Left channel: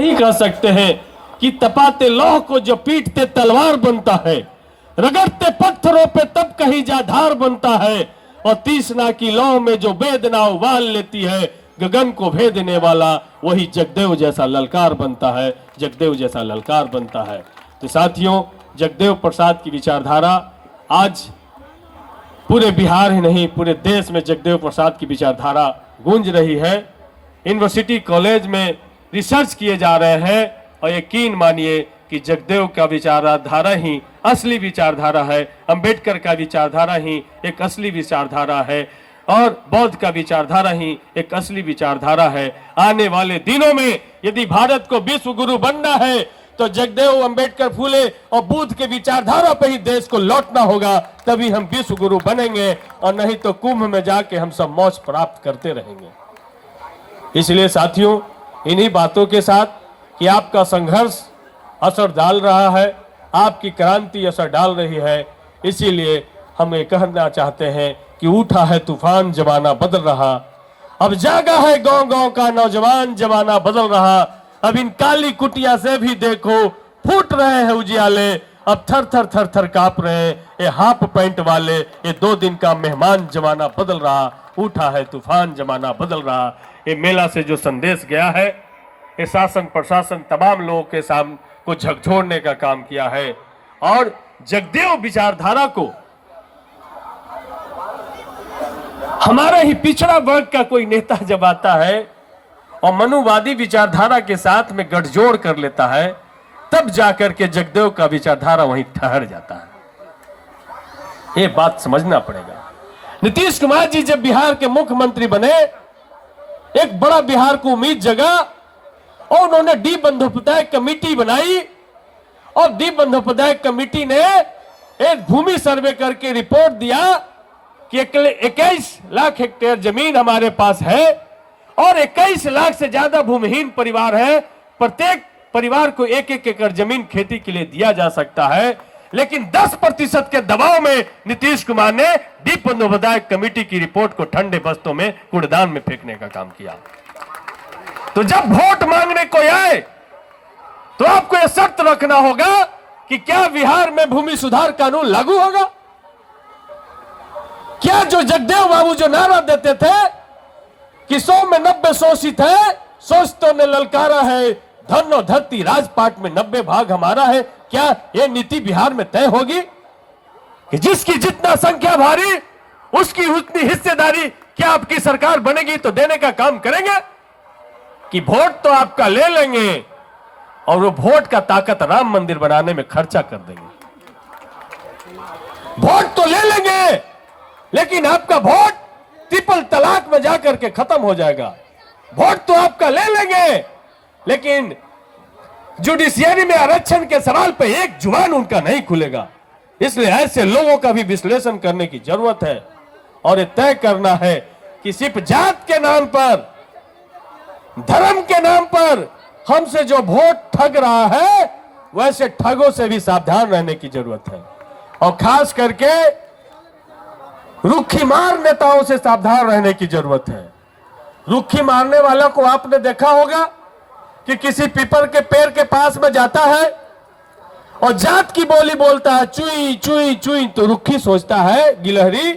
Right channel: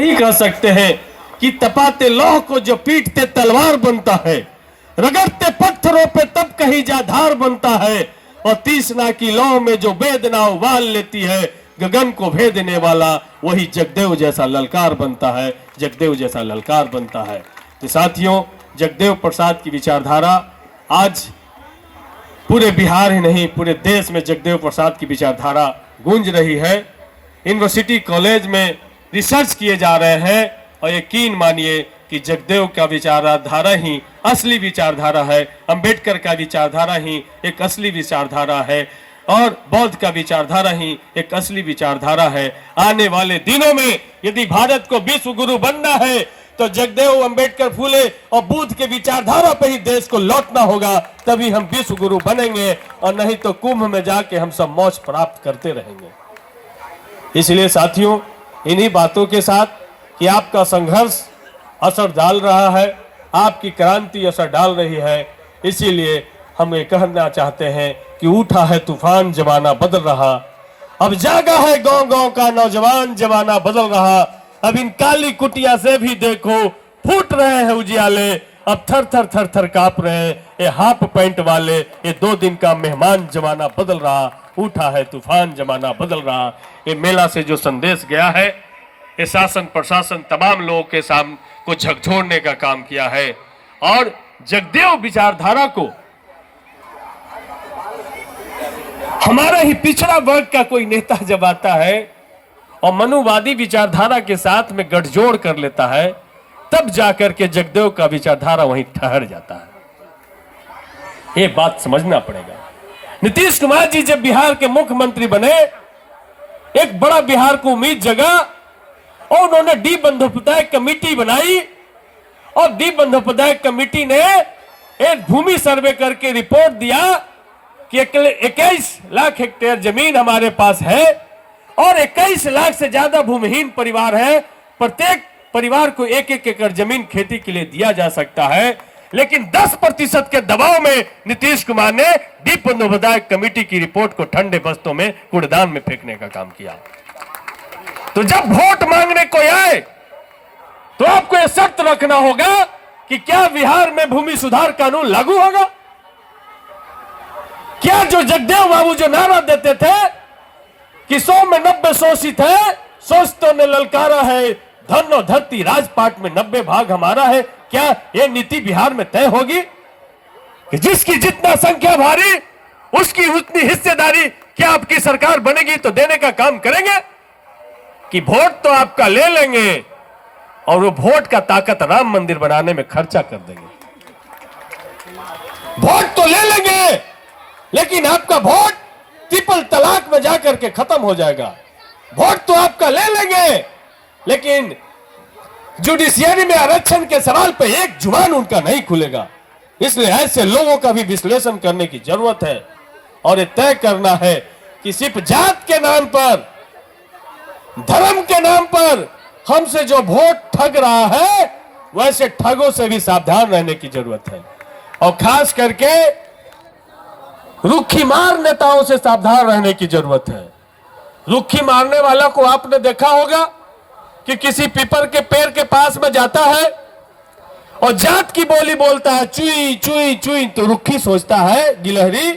नहीं कह सकते हैं कि तपाते लौह को जो पीटते तलवार बनता है, रगड़ते पत्थरों पे तब कहीं जा धार बनता है, और तीसना की लौ में जो वेदना उबाल लेती है, गगन को भेदने वाला वही जगदेव जैसा ललकार बनता है, जगदेव जैसा ललकार बनता है। तो साथियों, जगदेव प्रसाद की विचारधारा आज पूरे बिहार ही नहीं पूरे देश में जगदेव प्रसाद की विचारधारा गूंज रही है। यूनिवर्सिटी कॉलेज में रिसर्च किए जा रहे हैं और यकीन मानिए कि जगदेव का विचारधारा ही असली विचारधारा है, अंबेडकर का विचारधारा ही एक असली विचारधारा है, और बौद्ध का विचारधारा ही एक असली विचारधारा है। आने वाले दिनों में यदि भारत को विश्व गुरु बनना है तो जगदेव, अंबेडकर, फूले और बुद्ध के विचारधारा पर ही देश को लौटना होगा, तभी हम विश्व गुरु बनेंगे, और नहीं तो कुंभ में जाके हम सब मौज प्राप्त करते रहेंगे। इसलिए साथियों, इन्हीं बातों के साथ कि आपका संघर्ष असर डाल रहा है, आपकी क्रांति असर डाल रही है, इसीलिए हम ये कहना चाहते हैं कि उठा है तूफान, जमाना बदल रहा, अब जागा है गांव गांव का नौजवान, जमाना बदल रहा, अब इन काली कुटिया से भी देखो फूट रहे हैं उजियाले, अब थर थर थर थर कांप रहे हैं ये हाफ पैंट वाले, ये 2 दिन का मेहमान, जमाना बदल रहा, उठा है तूफान, जमाना बदल रहा। ये मेला से जो संदेश गया है, ये शासन प्रशासन तमाम लोगों के सामने को झकझोरने का काम किया है, और जगदेव विचारधारा को हमारा ही पिछड़ा वर्ग का कोई नेता जब आता है और मनुवादी विचारधारा के साथ में गठजोड़ कर लेता है, तब जाकर के जगदेव का विचारधारा वहीं ठहर जाता है। ये बात समझना पड़ेगा। नीतीश कुमार जी जब बिहार के मुख्यमंत्री बने, एक बड़ा बिहार को उम्मीद जगा, और उन्होंने डी बंदोपाध्याय कमेटी बनाई, और डी बंदोपाध्याय कमेटी ने एक भूमि सर्वे करके रिपोर्ट दिया कि 21 लाख हेक्टेयर जमीन हमारे पास है, और 21 लाख से ज्यादा भूमिहीन परिवार है, प्रत्येक परिवार को 1-1 एकड़ जमीन खेती के लिए दिया जा सकता है, लेकिन 10% के दबाव में नीतीश कुमार ने डी बंदोपाध्याय कमेटी की रिपोर्ट को ठंडे बस्तों में कूड़ेदान में फेंकने का काम किया। तो जब वोट मांगने को आए तो आपको यह शर्त रखना होगा कि क्या बिहार में भूमि सुधार कानून लागू होगा? क्या जो जगदेव बाबू जो नारा देते थे कि 100 में 90 शोषित है, शोषितों ने ललकारा है, धन और धरती राजपाट में 90 भाग हमारा है, क्या यह नीति बिहार में तय होगी कि जिसकी जितना संख्या भारी उसकी उतनी हिस्सेदारी? क्या आपकी सरकार बनेगी तो देने का काम करेंगे कि वोट तो आपका ले लेंगे और वो वोट का ताकत राम मंदिर बनाने में खर्चा कर देंगे? वोट तो ले लेंगे, लेकिन आपका वोट ट्रिपल तलाक में जाकर के खत्म हो जाएगा। वोट तो आपका ले लेंगे, लेकिन जुडिशियरी में आरक्षण के सवाल पे एक जुबान उनका नहीं खुलेगा। इसलिए ऐसे लोगों का भी विश्लेषण करने की जरूरत है, और ये तय करना है कि सिर्फ जात के नाम पर, धर्म के नाम पर हमसे जो वोट ठग रहा है, वैसे ठगों से भी सावधान रहने की जरूरत है, और खास करके रुखी मार नेताओं से सावधान रहने की जरूरत है। रुखी मारने वाला को आपने देखा होगा कि किसी पीपल के पेड़ के पास में जाता है और जात की बोली बोलता है, चुई चुई चुई, तो रुखी सोचता है गिलहरी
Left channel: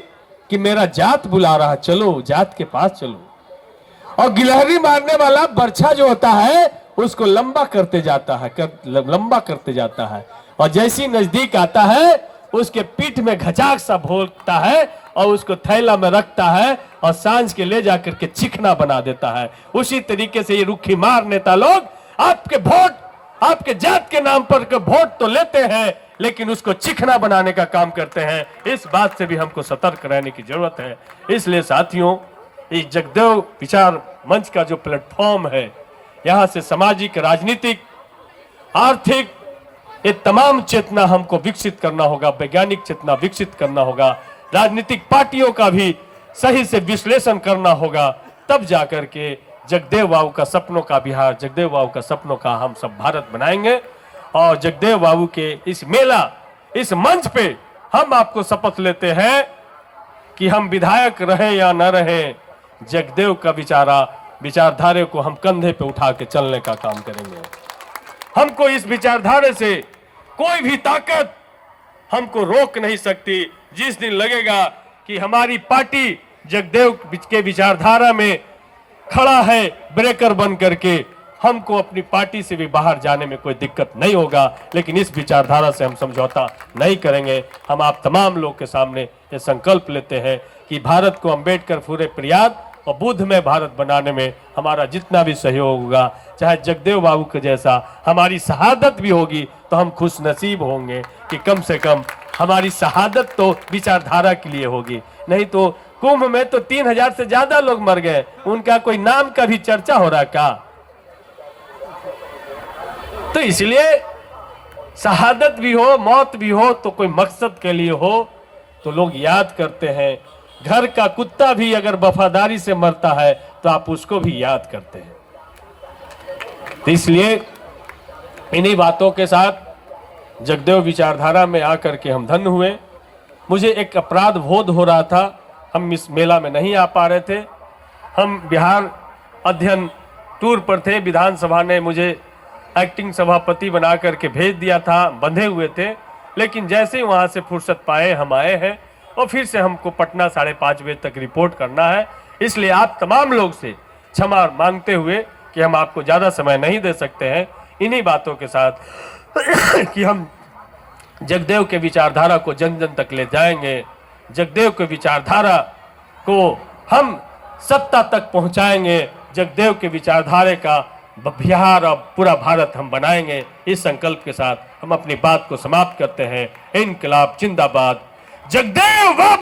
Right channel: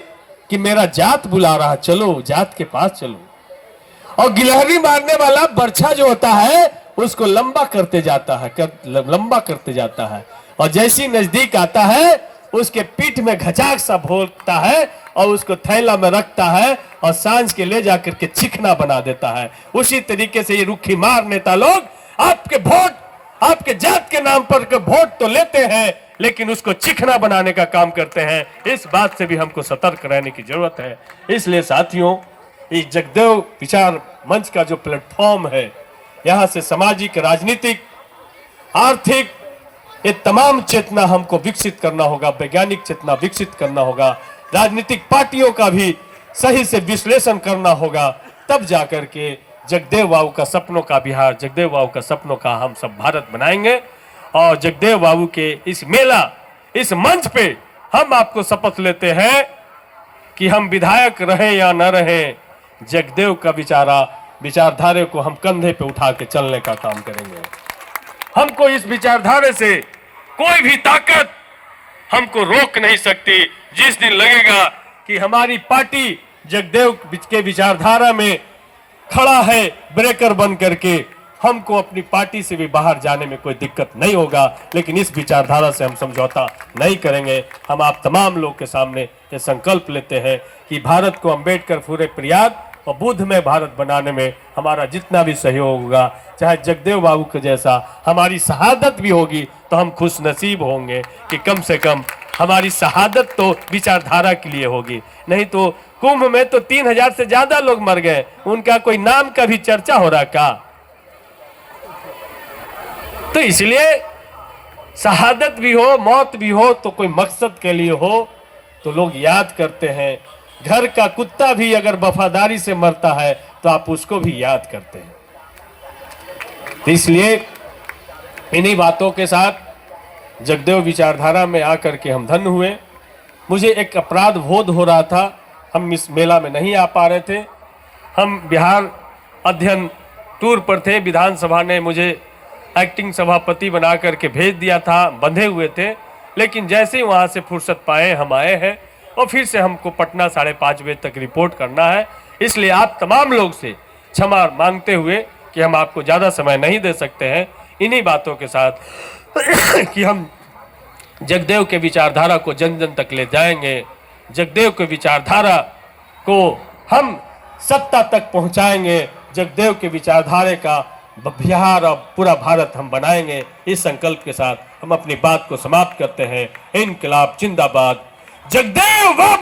कि मेरा जात बुला रहा, चलो जात के पास चलो, और गिलहरी मारने वाला बर्छा जो होता है उसको लंबा करते जाता है, लंबा करते जाता है, और जैसी नजदीक आता है उसके पीठ में घचाक सा भोंकता है और उसको थैला में रखता है और सांझ के ले जाकर के चिकना बना देता है। उसी तरीके से ये रुखी मार नेता लोग आपके वोट, आपके जात के नाम पर के वोट तो लेते हैं, लेकिन उसको चिकना बनाने का काम करते हैं। इस बात से भी हमको सतर्क रहने की जरूरत है। इसलिए साथियों, इस जगदेव विचार मंच का जो प्लेटफॉर्म है, यहाँ से सामाजिक, राजनीतिक, आर्थिक, ये तमाम चेतना हमको विकसित करना होगा, वैज्ञानिक चेतना विकसित करना होगा, राजनीतिक पार्टियों का भी सही से विश्लेषण करना होगा, तब जाकर के जगदेव बाबू का सपनों का बिहार, जगदेव बाबू का सपनों का हम सब भारत बनाएंगे। और जगदेव बाबू के इस मेला, इस मंच पे हम आपको शपथ लेते हैं कि हम विधायक रहे या न रहे, जगदेव का विचारा विचारधारा को हम कंधे पे उठा के चलने का काम करेंगे। हमको इस विचारधारा से कोई भी ताकत हमको रोक नहीं सकती। जिस दिन लगेगा कि हमारी पार्टी जगदेव के विचारधारा में खड़ा है ब्रेकर बन करके, हमको अपनी पार्टी से भी बाहर जाने में कोई दिक्कत नहीं होगा, लेकिन इस विचारधारा से हम समझौता नहीं करेंगे। हम आप तमाम लोग के सामने ये संकल्प लेते हैं कि भारत को अम्बेडकर पूरे प्रयाग और बुद्ध में भारत बनाने में हमारा जितना भी सहयोग होगा, चाहे जगदेव बाबू के जैसा हमारी शहादत भी होगी तो हम खुश नसीब होंगे कि कम से कम हमारी शहादत तो विचारधारा के लिए होगी। नहीं तो कुंभ में तो 3000 से ज्यादा लोग मर गए, उनका कोई नाम का भी चर्चा हो रहा का? तो इसलिए शहादत भी हो, मौत भी हो, तो कोई मकसद के लिए हो तो लोग याद करते हैं। घर का कुत्ता भी अगर वफादारी से मरता है तो आप उसको भी याद करते हैं। तो इसलिए इन्हीं बातों के साथ जगदेव विचारधारा में आकर के हम धन्य हुए। मुझे एक अपराध बोध हो रहा था, हम इस मेला में नहीं आ पा रहे थे। हम बिहार अध्ययन टूर पर थे, विधानसभा ने मुझे एक्टिंग सभापति बना करके भेज दिया था, बंधे हुए थे। लेकिन जैसे ही वहाँ से फुर्सत पाए हम आए हैं और फिर से हमको पटना 5:30 बजे तक रिपोर्ट करना है। इसलिए आप तमाम लोग से क्षमा मांगते हुए कि हम आपको ज़्यादा समय नहीं दे सकते हैं, इन्हीं बातों के साथ कि हम जगदेव के विचारधारा को जन जन तक ले जाएंगे, जगदेव के विचारधारा को हम सत्ता तक पहुंचाएंगे, जगदेव के विचारधारा का बिहार और पूरा भारत हम बनाएंगे। इस संकल्प के साथ हम अपनी बात को समाप्त करते हैं। इनकलाब जिंदाबाद, जगदेव